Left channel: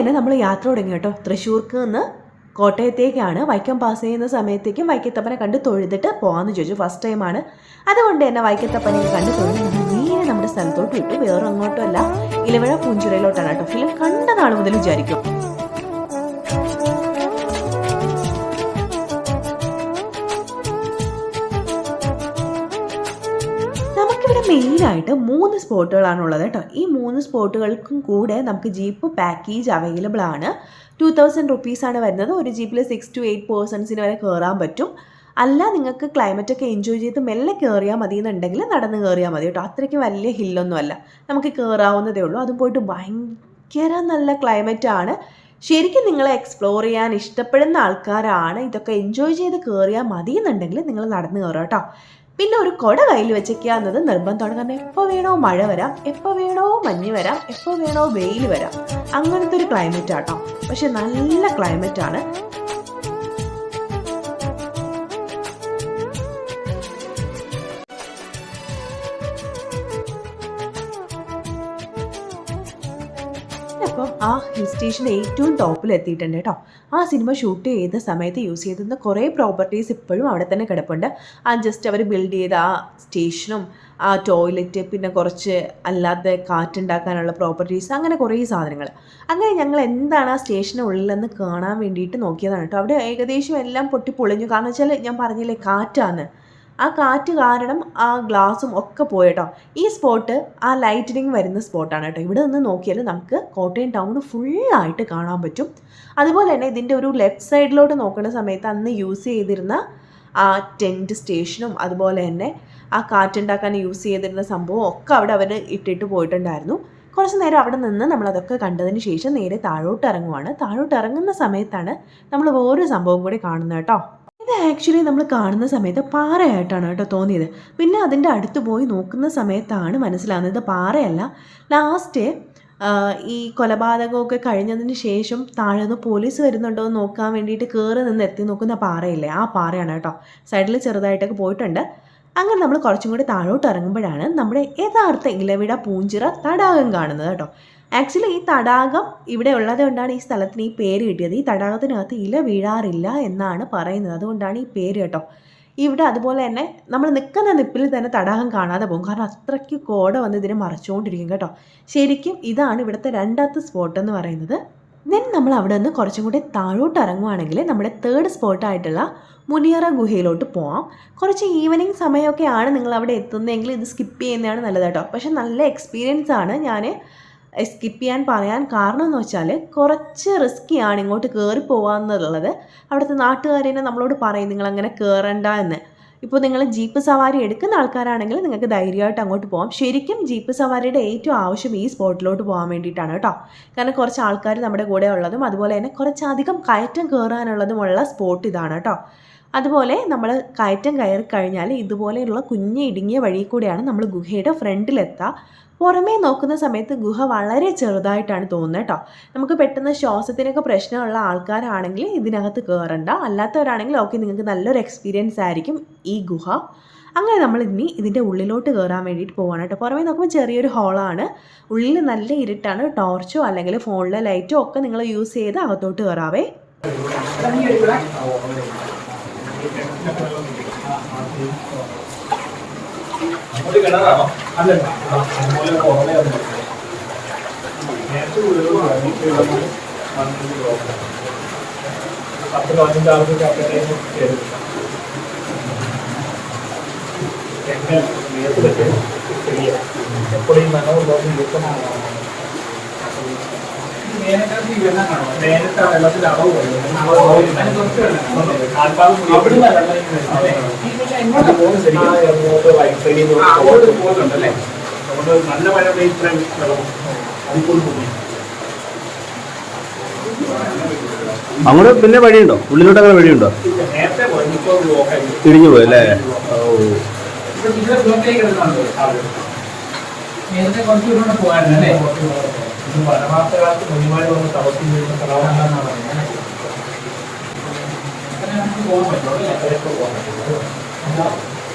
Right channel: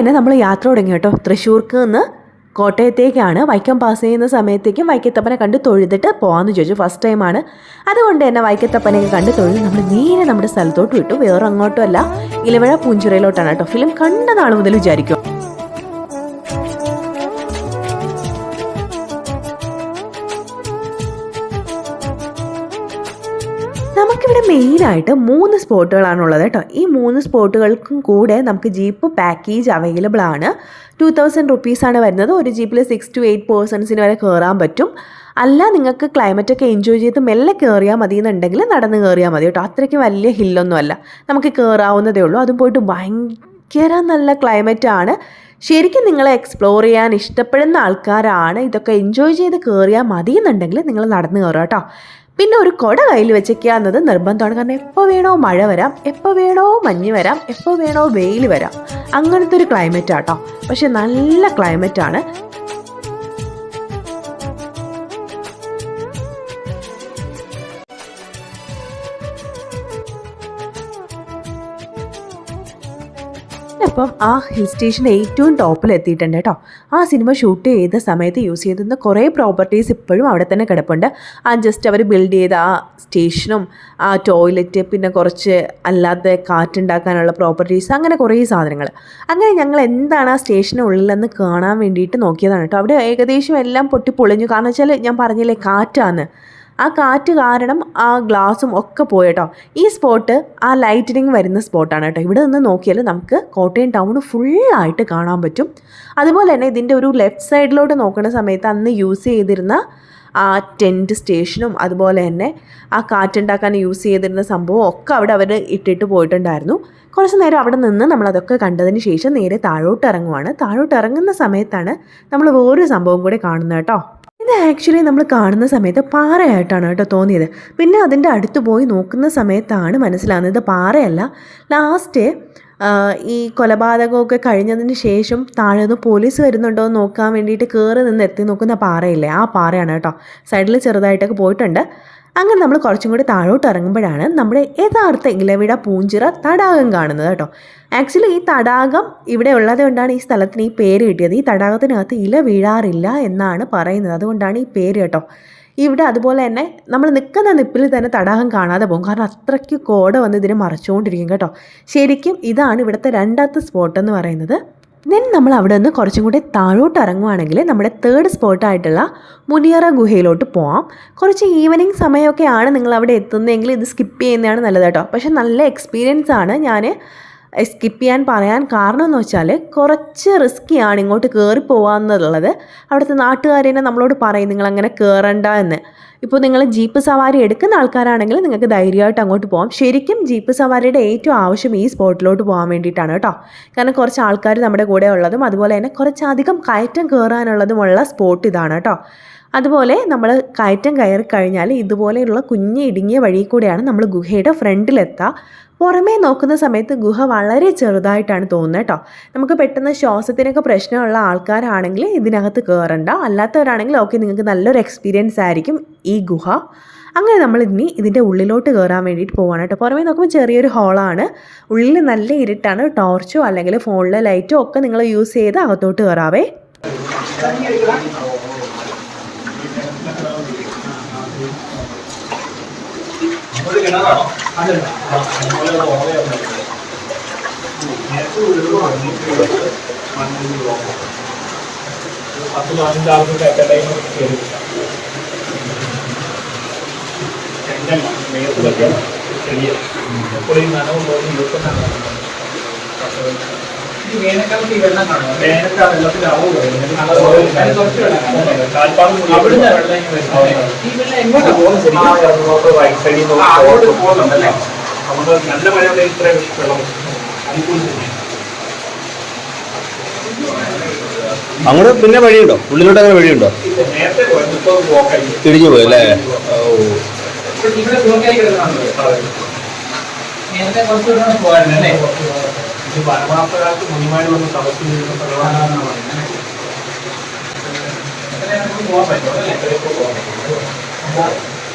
തന്നെ നമ്മൾ യാത്ര തുടങ്ങി കേട്ടോ. തൃശ്ശൂർക്ക് നിന്ന് കോട്ടയത്തേക്കാണ് വൈക്കം പാസ് ചെയ്യുന്ന സമയത്തേക്കും വൈക്കത്തപ്പനെ കണ്ട് തൊഴുതിട്ട് പോകാമെന്ന് ചോദിച്ചു. ഫസ്റ്റ് ടൈമാണ് അതുകൊണ്ട് തന്നെ വൈക്കത്തപ്പനെ കണ്ട് തൊഴുത് നമ്മൾ നേരെ നമ്മുടെ സ്ഥലത്തോട്ട് വിട്ടു. വേറെ അങ്ങോട്ടും അല്ല. ഇലവഴ പൂഞ്ചിറയിലോട്ടാണ് കേട്ടോ. ഫിലിം കണ്ട നാൾ മുതൽ വിചാരിക്കും. മെയിനായിട്ട് മൂന്ന് സ്പോട്ടുകളാണുള്ളത് കേട്ടോ. ഈ മൂന്ന് സ്പോട്ടുകൾക്കും കൂടെ നമുക്ക് ജീപ്പ് പാക്കേജ് അവൈലബിൾ ആണ്. ടു തൗസൻഡ് റുപ്പീസാണ് വരുന്നത്. ഒരു ജീപ്പിൽ സിക്സ് ടു എയ്റ്റ് പേഴ്സൺസിന് വരെ കയറാൻ പറ്റും. അല്ല നിങ്ങൾക്ക് ക്ലൈമറ്റ് ഒക്കെ എൻജോയ് ചെയ്ത് മെല്ലെ കയറിയാൽ മതി എന്നുണ്ടെങ്കിൽ നടന്ന് കയറിയാൽ മതി കേട്ടോ. അത്രയ്ക്ക് വലിയ ഹില്ലൊന്നും അല്ല നമുക്ക് കയറാവുന്നതേ ഉള്ളൂ. അതും പോയിട്ട് ഭയങ്കര നല്ല ക്ലൈമറ്റാണ് ശരിക്കും നിങ്ങളെ എക്സ്പ്ലോർ ചെയ്യാൻ ഇഷ്ടപ്പെടുന്ന ആൾക്കാരാണ്. ഇതൊക്കെ എൻജോയ് ചെയ്ത് കയറിയാൽ മതി എന്നുണ്ടെങ്കിൽ നിങ്ങൾ നടന്ന് കയറുക കേട്ടോ. പിന്നെ ഒരു കൊട കയ്യിൽ വെച്ചേക്കുക എന്നത് നിർബന്ധമാണ്. കാരണം എപ്പോൾ വേണോ മഴ വരാം എപ്പോൾ വേണോ മഞ്ഞ് വരാം എപ്പോൾ വേണോ വെയിൽ വരാം. അങ്ങനത്തെ ഒരു ക്ലൈമറ്റ് ആട്ടോ. പക്ഷെ നല്ല ക്ലൈമറ്റ് ആണ്. അപ്പം ആ ഹിൽ സ്റ്റേഷൻ ഏറ്റവും ടോപ്പിൽ എത്തിയിട്ടുണ്ട് കേട്ടോ. ആ സിനിമ ഷൂട്ട് ചെയ്ത സമയത്ത് യൂസ് ചെയ്തിരുന്ന കുറേ പ്രോപ്പർട്ടീസ് ഇപ്പോഴും അവിടെ തന്നെ കിടപ്പുണ്ട്. ആ ജസ്റ്റ് അവർ ബിൽഡ് ചെയ്ത ആ സ്റ്റേഷനും ആ ടോയ്ലറ്റ് പിന്നെ കുറച്ച് അല്ലാത്ത കാറ്റുണ്ടാക്കാനുള്ള പ്രോപ്പർട്ടീസ് അങ്ങനെ കുറേ സാധനങ്ങൾ. അങ്ങനെ ഞങ്ങൾ എന്താണ് ആ സ്റ്റേഷനുള്ളിലെന്ന് കാണാൻ വേണ്ടിയിട്ട് നോക്കിയതാണ് കേട്ടോ. അവിടെ ഏകദേശം എല്ലാം പൊട്ടി പൊളിഞ്ഞു. കാരണം വെച്ചാൽ ഞാൻ പറഞ്ഞില്ലേ കാറ്റാണ് ആ കാറ്റ് കാരണം ആ ഗ്ലാസും ഒക്കെ പോയിട്ടോ. ഈ സ്പോട്ട് ആ ലൈറ്റനിങ് വരുന്ന സ്പോട്ടാണ് കേട്ടോ. ഇവിടെ നിന്ന് നോക്കിയാൽ നമുക്ക് കോട്ടയം ടൗൺ ഫുള്ളായിട്ട് കാണാൻ പറ്റും. അതുപോലെ തന്നെ ഇതിന്റെ ഒരു ലെഫ്റ്റ് സൈഡിലോട്ട് നോക്കുന്ന സമയത്ത് അന്ന് യൂസ് ചെയ്തിരുന്ന ആ ടെന്റ് സ്റ്റേഷനും അതുപോലെ തന്നെ ആ കാറ്റുണ്ടാക്കാൻ യൂസ് ചെയ്തിരുന്ന സംഭവം ഒക്കെ അവിടെ അവർ ഇട്ടിട്ട് പോയിട്ടുണ്ടായിരുന്നു. കുറച്ച് നേരം അവിടെ നിന്ന് നമ്മളതൊക്കെ കണ്ടതിന് ശേഷം നേരെ താഴോട്ട് ഇറങ്ങുവാണ്. താഴോട്ട് ഇറങ്ങുന്ന സമയത്താണ് നമ്മൾ വേറൊരു സംഭവം കൂടി കാണുന്നത് കേട്ടോ. ഇത് ആക്ച്വലി നമ്മൾ കാണുന്ന സമയത്ത് പാറയായിട്ടാണ് കേട്ടോ തോന്നിയത്. പിന്നെ അതിന്റെ അടുത്ത് പോയി നോക്കുന്ന സമയത്താണ് മനസ്സിലാകുന്നത്. ഇത് പാറയല്ല. ലാസ്റ്റ് ഈ കൊലപാതകമൊക്കെ കഴിഞ്ഞതിന് ശേഷം താഴെ നിന്ന് പോലീസ് വരുന്നുണ്ടോ എന്ന് നോക്കാൻ വേണ്ടിയിട്ട് കയറി നിന്ന് എത്തി നോക്കുന്ന പാറയില്ലേ? ആ പാറയാണ് കേട്ടോ. സൈഡിൽ ചെറുതായിട്ടൊക്കെ പോയിട്ടുണ്ട്. അങ്ങനെ നമ്മൾ കുറച്ചും കൂടി താഴോട്ട് ഇറങ്ങുമ്പോഴാണ് നമ്മുടെ യഥാർത്ഥ ഇലവിട പൂഞ്ചിറ തടാകം കാണുന്നത് കേട്ടോ. ആക്ച്വലി ഈ തടാകം ഇവിടെ ഉള്ളത് കൊണ്ടാണ് ഈ സ്ഥലത്തിന് ഈ പേര് കിട്ടിയത്. ഈ തടാകത്തിനകത്ത് ഇല വീഴാറില്ല എന്നാണ് പറയുന്നത്. അതുകൊണ്ടാണ് ഈ പേര് കേട്ടോ. ഇവിടെ അതുപോലെ തന്നെ നമ്മൾ നിൽക്കുന്ന നിപ്പിൽ തന്നെ തടാകം കാണാതെ പോകും. കാരണം അത്രയ്ക്ക് കോട വന്ന് ഇതിനെ മറച്ചുകൊണ്ടിരിക്കും കേട്ടോ. ശരിക്കും ഇതാണ് ഇവിടുത്തെ രണ്ടാമത്തെ സ്പോട്ട് എന്ന് പറയുന്നത്. ദെൻ നമ്മൾ അവിടെ നിന്ന് കുറച്ചും കൂടി താഴോട്ട് ഇറങ്ങുവാണെങ്കിൽ നമ്മുടെ തേർഡ് സ്പോട്ടായിട്ടുള്ള മുനിയറ ഗുഹയിലോട്ട് പോവാം. കുറച്ച് ഈവനിങ് സമയമൊക്കെയാണ് നിങ്ങൾ അവിടെ എത്തുന്നതെങ്കിൽ ഇത് സ്കിപ്പ് ചെയ്യുന്നതാണ് നല്ലത് കേട്ടോ. പക്ഷെ നല്ല എക്സ്പീരിയൻസ് ആണ് ഞാൻ സ്കിപ്പ് ചെയ്യാൻ പറയാൻ കാരണം എന്ന് വെച്ചാൽ കുറച്ച് റിസ്ക്കിയാണ് ഇങ്ങോട്ട് കയറി പോകാമെന്നുള്ളത് അവിടുത്തെ നാട്ടുകാരെ നമ്മളോട് പറയും നിങ്ങൾ അങ്ങനെ കയറണ്ട എന്ന്. ഇപ്പോൾ നിങ്ങൾ ജീപ്പ് സവാരി എടുക്കുന്ന ആൾക്കാരാണെങ്കിൽ നിങ്ങൾക്ക് ധൈര്യമായിട്ട് അങ്ങോട്ട് പോകാം ശരിക്കും ജീപ്പ് സവാരിയുടെ ഏറ്റവും ആവശ്യം ഈ സ്പോട്ടിലോട്ട് പോകാൻ വേണ്ടിയിട്ടാണ് കേട്ടോ. കാരണം കുറച്ച് ആൾക്കാർ നമ്മുടെ കൂടെ ഉള്ളതും അതുപോലെ തന്നെ കുറച്ചധികം കയറ്റം കയറാനുള്ളതുമുള്ള സ്പോട്ട് ഇതാണ് കേട്ടോ. അതുപോലെ നമ്മൾ കയറ്റം കയറി കഴിഞ്ഞാൽ ഇതുപോലെയുള്ള കുഞ്ഞ് ഇടുങ്ങിയ വഴി കൂടെയാണ് നമ്മൾ ഗുഹയുടെ ഫ്രണ്ടിലെത്തുക പുറമേ നോക്കുന്ന സമയത്ത് ഗുഹ വളരെ ചെറുതായിട്ടാണ് തോന്നുന്നത് കേട്ടോ. നമുക്ക് പെട്ടെന്ന് ശ്വാസത്തിനൊക്കെ പ്രശ്നമുള്ള ആൾക്കാരാണെങ്കിൽ ഇതിനകത്ത് കയറണ്ട അല്ലാത്തവരാണെങ്കിൽ ഓക്കെ നിങ്ങൾക്ക് നല്ലൊരു എക്സ്പീരിയൻസ് ആയിരിക്കും ഈ ഗുഹ. അങ്ങനെ നമ്മൾ ഇനി ഇതിന്റെ ഉള്ളിലോട്ട് കയറാൻ വേണ്ടിയിട്ട് പോവാണ് കേട്ടോ. പുറമേ നോക്കുമ്പോൾ ചെറിയൊരു ഹോളാണ് ഉള്ളിൽ നല്ല ഇരുട്ടാണ്. ടോർച്ചോ അല്ലെങ്കിൽ ഫോണിലെ ലൈറ്റോ ഒക്കെ നിങ്ങൾ യൂസ് ചെയ്ത് അകത്തോട്ട് കയറാവേ കിണറാണോ? അല്ലല്ല അതുപോലെ ഉറവയാണ് നേരത്തെ ഒരു മണ്ണിൽ നോക്കാം പത്ത് പതിനഞ്ച് ആൾക്ക് അറ്റ് ടൈം കയറി എങ്ങനെ മേത്ത് പറ്റിയ ചെറിയ എപ്പോഴും നനവുള്ളതും ഇതൊക്കെയാണ് വേനൽക്കാലത്ത് ഈ വെള്ളം കാണുമോ വേനൽക്കാല വെള്ളത്തിന്റെ അളവ് കാൽപ്പാട് അവിടുന്ന് വെള്ളം ഈ വെള്ളം എങ്ങോട്ടാ പോകുന്നത്? റൈറ്റ് സൈഡിൽ നിന്ന് പോകുന്നുണ്ടല്ലേ? അതുകൊണ്ട് നല്ല മഴ ഉണ്ടെങ്കിൽ ഇത്ര വെള്ളം അനുകൂലം തന്നെയാണ് അങ്ങോട്ട് പിന്നെ വഴിയുണ്ടോ? ഉള്ളിലോട്ട് അങ്ങനെ വഴിയുണ്ടോ? ഇപ്പൊ നേരത്തെ പോയത് ഇപ്പോൾ ബ്ലോക്കായി തിരിഞ്ഞു പോയി അല്ലേ? ഓ. ഇവിടെ ബ്ലോക്കായി കിടന്നാണല്ലോ നേരത്തെ കുറച്ചുകൂടെ പോകാറുണ്ട് അല്ലേ? ഇത് പരമാർത്ഥകാലത്ത് മുനിമാര് വന്ന് തപസ് ചെയ്യുന്ന സ്ഥലമാണെന്നാണ് പറയുന്നത്.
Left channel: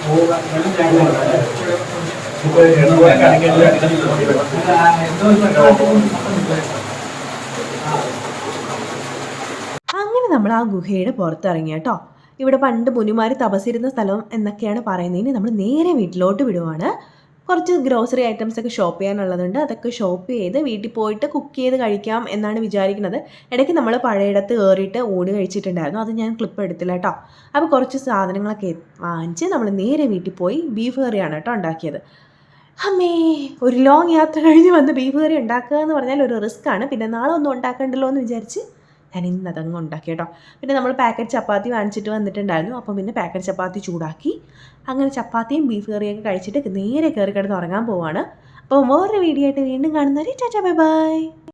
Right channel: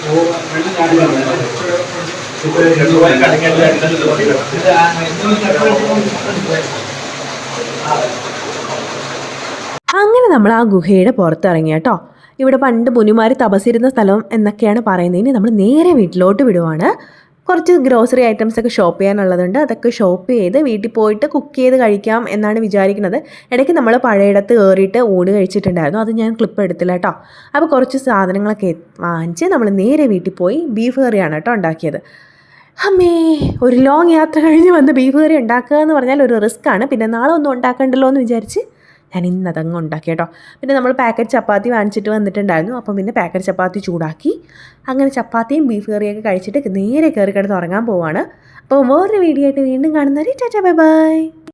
പോകാൻ പറ്റും വെള്ളം ചാടി എണ്ണ അങ്ങനെ നമ്മൾ ആ ഗുഹയുടെ പുറത്തിറങ്ങി കേട്ടോ. ഇവിടെ പണ്ട് മുനിമാർ തപസിരുന്ന സ്ഥലം എന്നൊക്കെയാണ് പറയുന്നതിന് ഇനി നമ്മൾ നേരെ വീട്ടിലോട്ട് വിടുവാണ്. കുറച്ച് ഗ്രോസറി ഐറ്റംസ് ഒക്കെ ഷോപ്പ് ചെയ്യാനുള്ളതുണ്ട്. അതൊക്കെ ഷോപ്പ് ചെയ്ത് വീട്ടിൽ പോയിട്ട് കുക്ക് ചെയ്ത് കഴിക്കാം എന്നാണ് വിചാരിക്കുന്നത്. ഇടയ്ക്ക് നമ്മൾ പഴയിടത്ത് കയറിയിട്ട് ഊണ് കഴിച്ചിട്ടുണ്ടായിരുന്നു. അത് ഞാൻ ക്ലിപ്പ് എടുത്തില്ല കേട്ടോ. അപ്പോൾ കുറച്ച് സാധനങ്ങളൊക്കെ വാങ്ങിച്ച് നമ്മൾ നേരെ വീട്ടിൽ പോയി ബീഫ് കറിയാണ് കേട്ടോ ഉണ്ടാക്കിയത്. അമ്മേ ഒരു ലോങ് യാത്ര കഴിഞ്ഞ് വന്ന് ബീഫ് കറി ഉണ്ടാക്കുക എന്ന് പറഞ്ഞാൽ ഒരു റിസ്ക് ആണ്. പിന്നെ നാളെ ഒന്നും ഉണ്ടാക്കണ്ടല്ലോ എന്ന് വിചാരിച്ച് ഞാൻ ഇന്ന് അതങ്ങ് ഉണ്ടാക്കി കേട്ടോ. പിന്നെ നമ്മൾ പാക്കറ്റ് ചപ്പാത്തി വാങ്ങിച്ചിട്ട് വന്നിട്ടുണ്ടായിരുന്നു. അപ്പം പിന്നെ പാക്കറ്റ് ചപ്പാത്തി ചൂടാക്കി അങ്ങനെ ചപ്പാത്തിയും ബീഫ് കറിയൊക്കെ കഴിച്ചിട്ട് നേരെ കയറി കിടന്ന് ഉറങ്ങാൻ പോവാണ്. അപ്പോൾ വേറൊരു വീഡിയോ ആയിട്ട് വീണ്ടും കാണുന്നവരെ ടാറ്റാ ബൈ ബൈ.